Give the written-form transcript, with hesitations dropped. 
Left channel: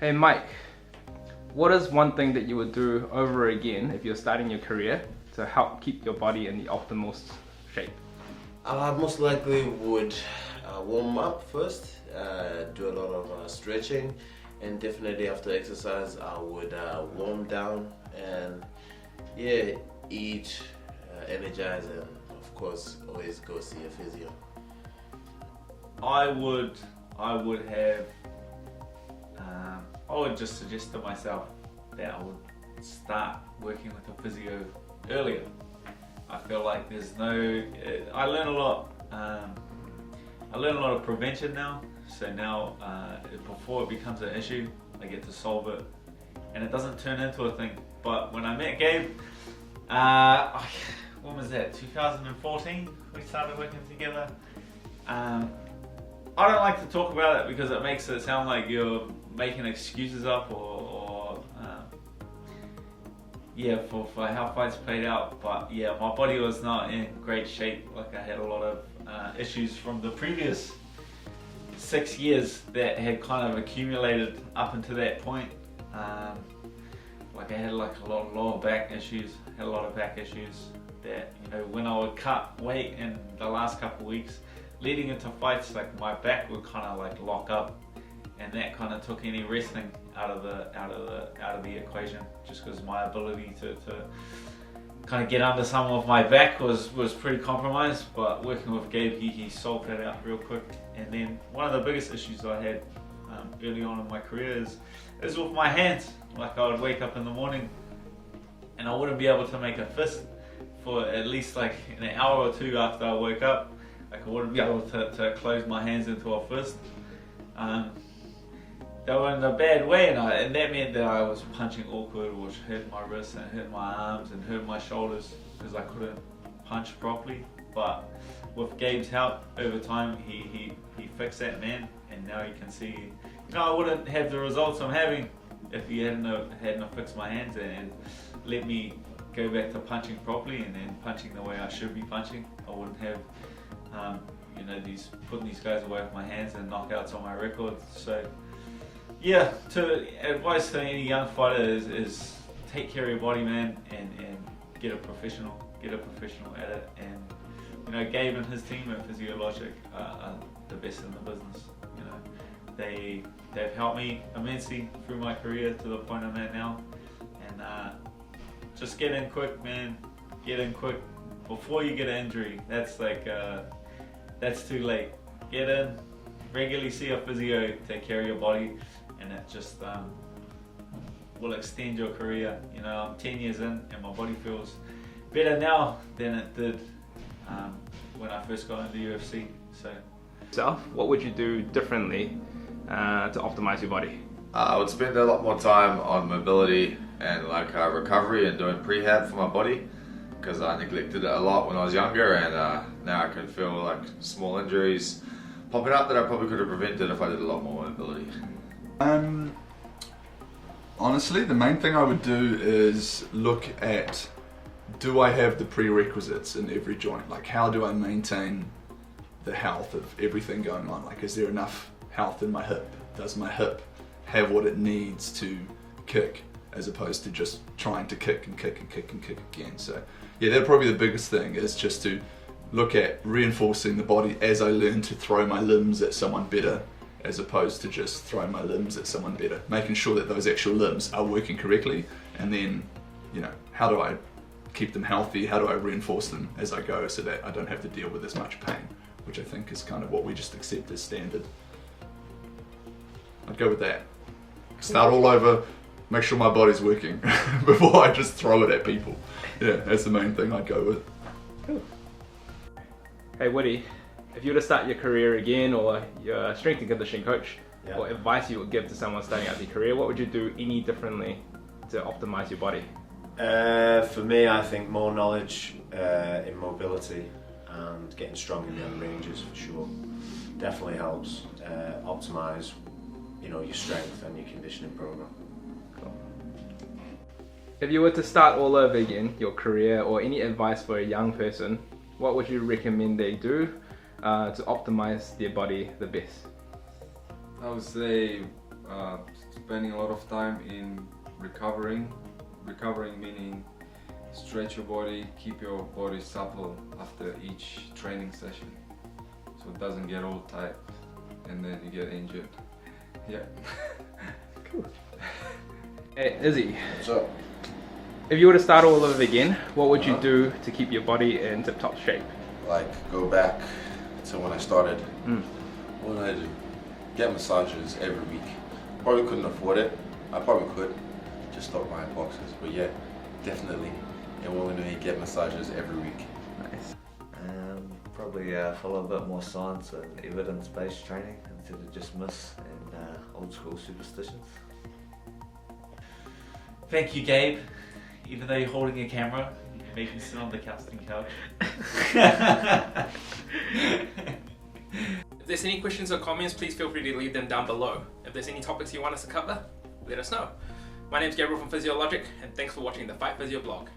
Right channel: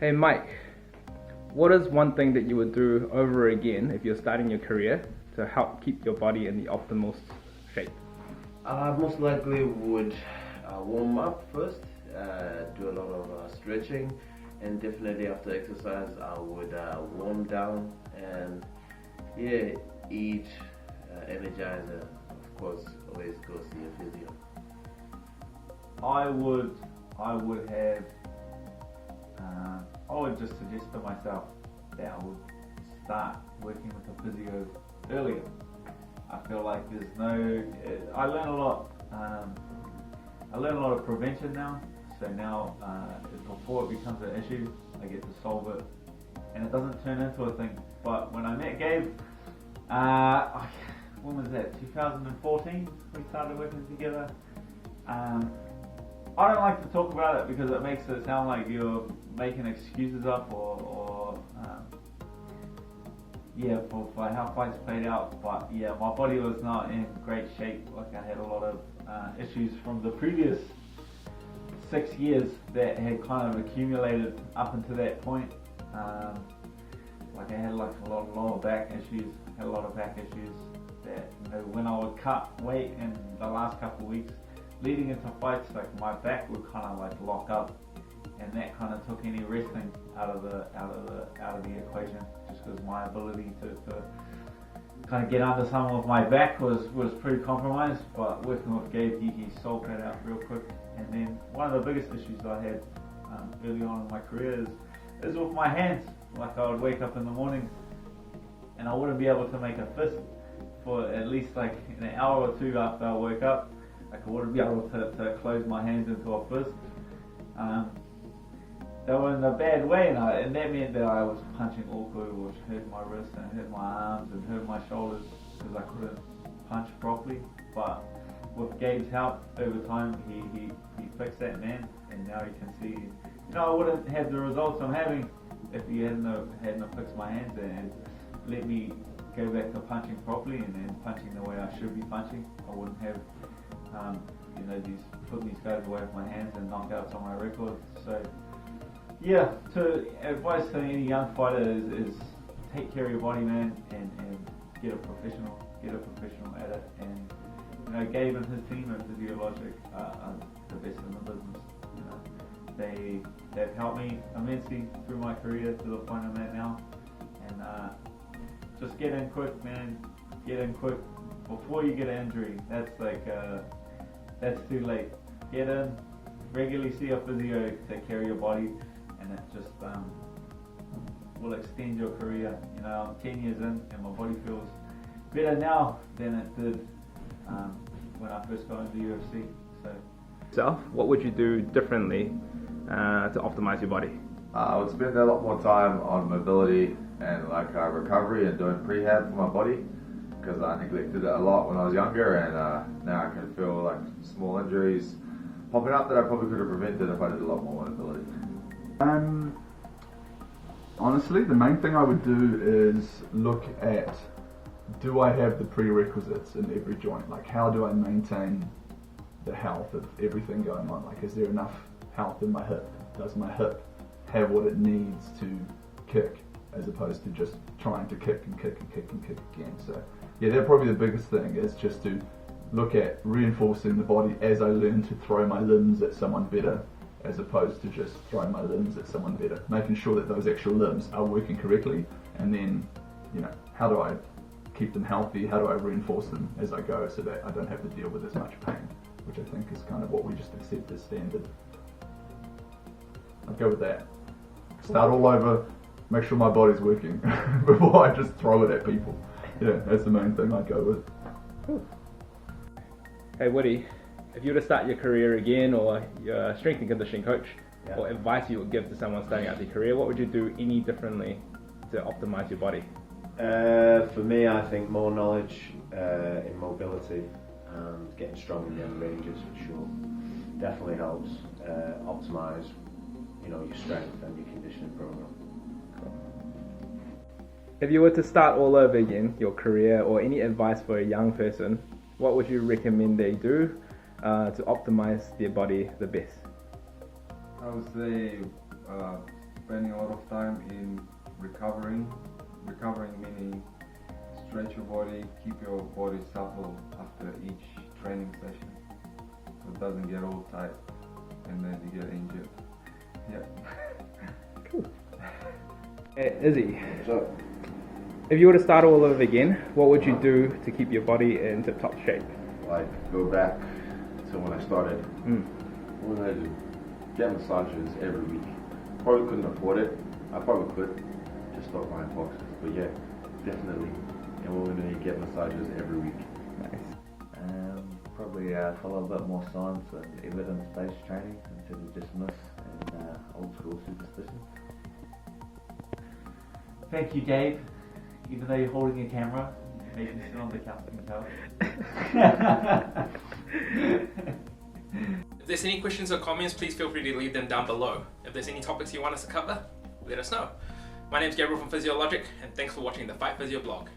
Hey Mike, what is one thing that you would do over again if you're starting your career to help keep your body in the optimal shape? I most likely would warm up first, do a lot of stretching, and definitely after exercise I would warm down and eat, energize, and of course always go see a physio. I would just suggest to myself that I would start working with a physio earlier. I feel like there's no, I learn a lot of prevention now, so now before it becomes an issue, I get to solve it and it doesn't turn into a thing. But when I met Gabe, when was that, 2014, we started working together. I don't like to talk about it because it makes it sound like you're making excuses up or for how fights played out. But yeah, my body was not in great shape. Like I had a lot of issues from the previous 6 years that had kind of accumulated up until that point. Like I had like a lot of lower back issues, had a lot of back issues that, you know, when I would cut weight in the last couple of weeks, leading into fights, like my back would kind of like lock up, and that kind of took any wrestling out of the equation, just because my ability to kind of get under some of my back was pretty compromised. But working with Gabe, he solved that out real quick. And then one of the biggest issues I had early on in my career is with my hands. Like I would wake up in the morning and I wouldn't be able to make a fist for at least like an hour or two after I woke up. Like I wouldn't be able to close my hands into a fist. They were in a bad way, and that meant that I was punching awkward, which hurt my wrists and hurt my arms and hurt my shoulders because I couldn't punch properly. But with Gabe's help over time, he fixed that, man, and now you can see, you know, I wouldn't have the results I'm having if he hadn't fixed my hands and let me go back to punching properly and then punching the way I should be punching. I wouldn't have you know, putting these guys away with my hands and knockouts on my record. So yeah, advice to any young fighter is take care of your body, man, and get a professional at it. And you know, Gabe and his team at Physio-Logic are the best in the business. You know, they've helped me immensely through my career to the point I'm at now. And just get in quick, man. Get in quick before you get an injury. That's like that's too late. Get in, regularly see a physio, take care of your body, and it just will extend your career. You know, I'm 10 years in and my body feels better now than it did when I first got into UFC. So, what would you do differently to optimize your body? I would spend a lot more time on mobility and like recovery and doing prehab for my body, because I neglected it a lot when I was younger, and now I can feel like small injuries popping up that I probably could have prevented if I did a lot more mobility. Honestly, the main thing I would do is look at, do I have the prerequisites in every joint? Like, how do I maintain the health of everything going on? Like, is there enough health in my hip? Does my hip have what it needs to kick, as opposed to just trying to kick and kick and kick and kick again? So yeah, that's probably the biggest thing, is just to look at reinforcing the body as I learn to throw my limbs at someone better, as opposed to just throwing my limbs at someone better, making sure that those actual limbs are working correctly. And then, you know, how do I keep them healthy? How do I reinforce them as I go so that I don't have to deal with as much pain, which I think is kind of what we just accept as standard. I'd go with that. Start all over, make sure my body's working before I just throw it at people. Yeah, that's the main thing I'd go with. Cool. Hey Woody, if you were to start your career again, or your strength and conditioning coach, what advice you would give to someone starting out their career, what would you do any differently to optimize your body? For me, I think more knowledge in mobility and getting strong in the other ranges for sure definitely helps optimize, you know, your strength and your conditioning program. Cool. If you were to start all over again, your career, or any advice for a young person, what would you recommend they do to optimize their body the best? I would say spending a lot of time in recovering. Recovering meaning stretch your body, keep your body supple after each training session, so it doesn't get all tight and then you get injured. Yeah. Cool. Hey, Izzy. What's up? If you were to start all over again, what would you do to keep your body in tip-top shape? Like, go back to when I started. What would I do? Get massages every week. Probably couldn't afford it. I probably could. Just stop buying boxes. But yeah, definitely. And we're going to get massages every week. Nice. Probably follow a bit more science and evidence-based training instead of just myths and old school superstitions. Thank you, Gabe. Even though you're holding a camera, you made me sit on the casting couch. If there's any questions or comments, please feel free to leave them down below. If there's any topics you want us to cover, let us know. My name's Gabriel from Physio-Logic, and thanks for watching the Fight Physio blog.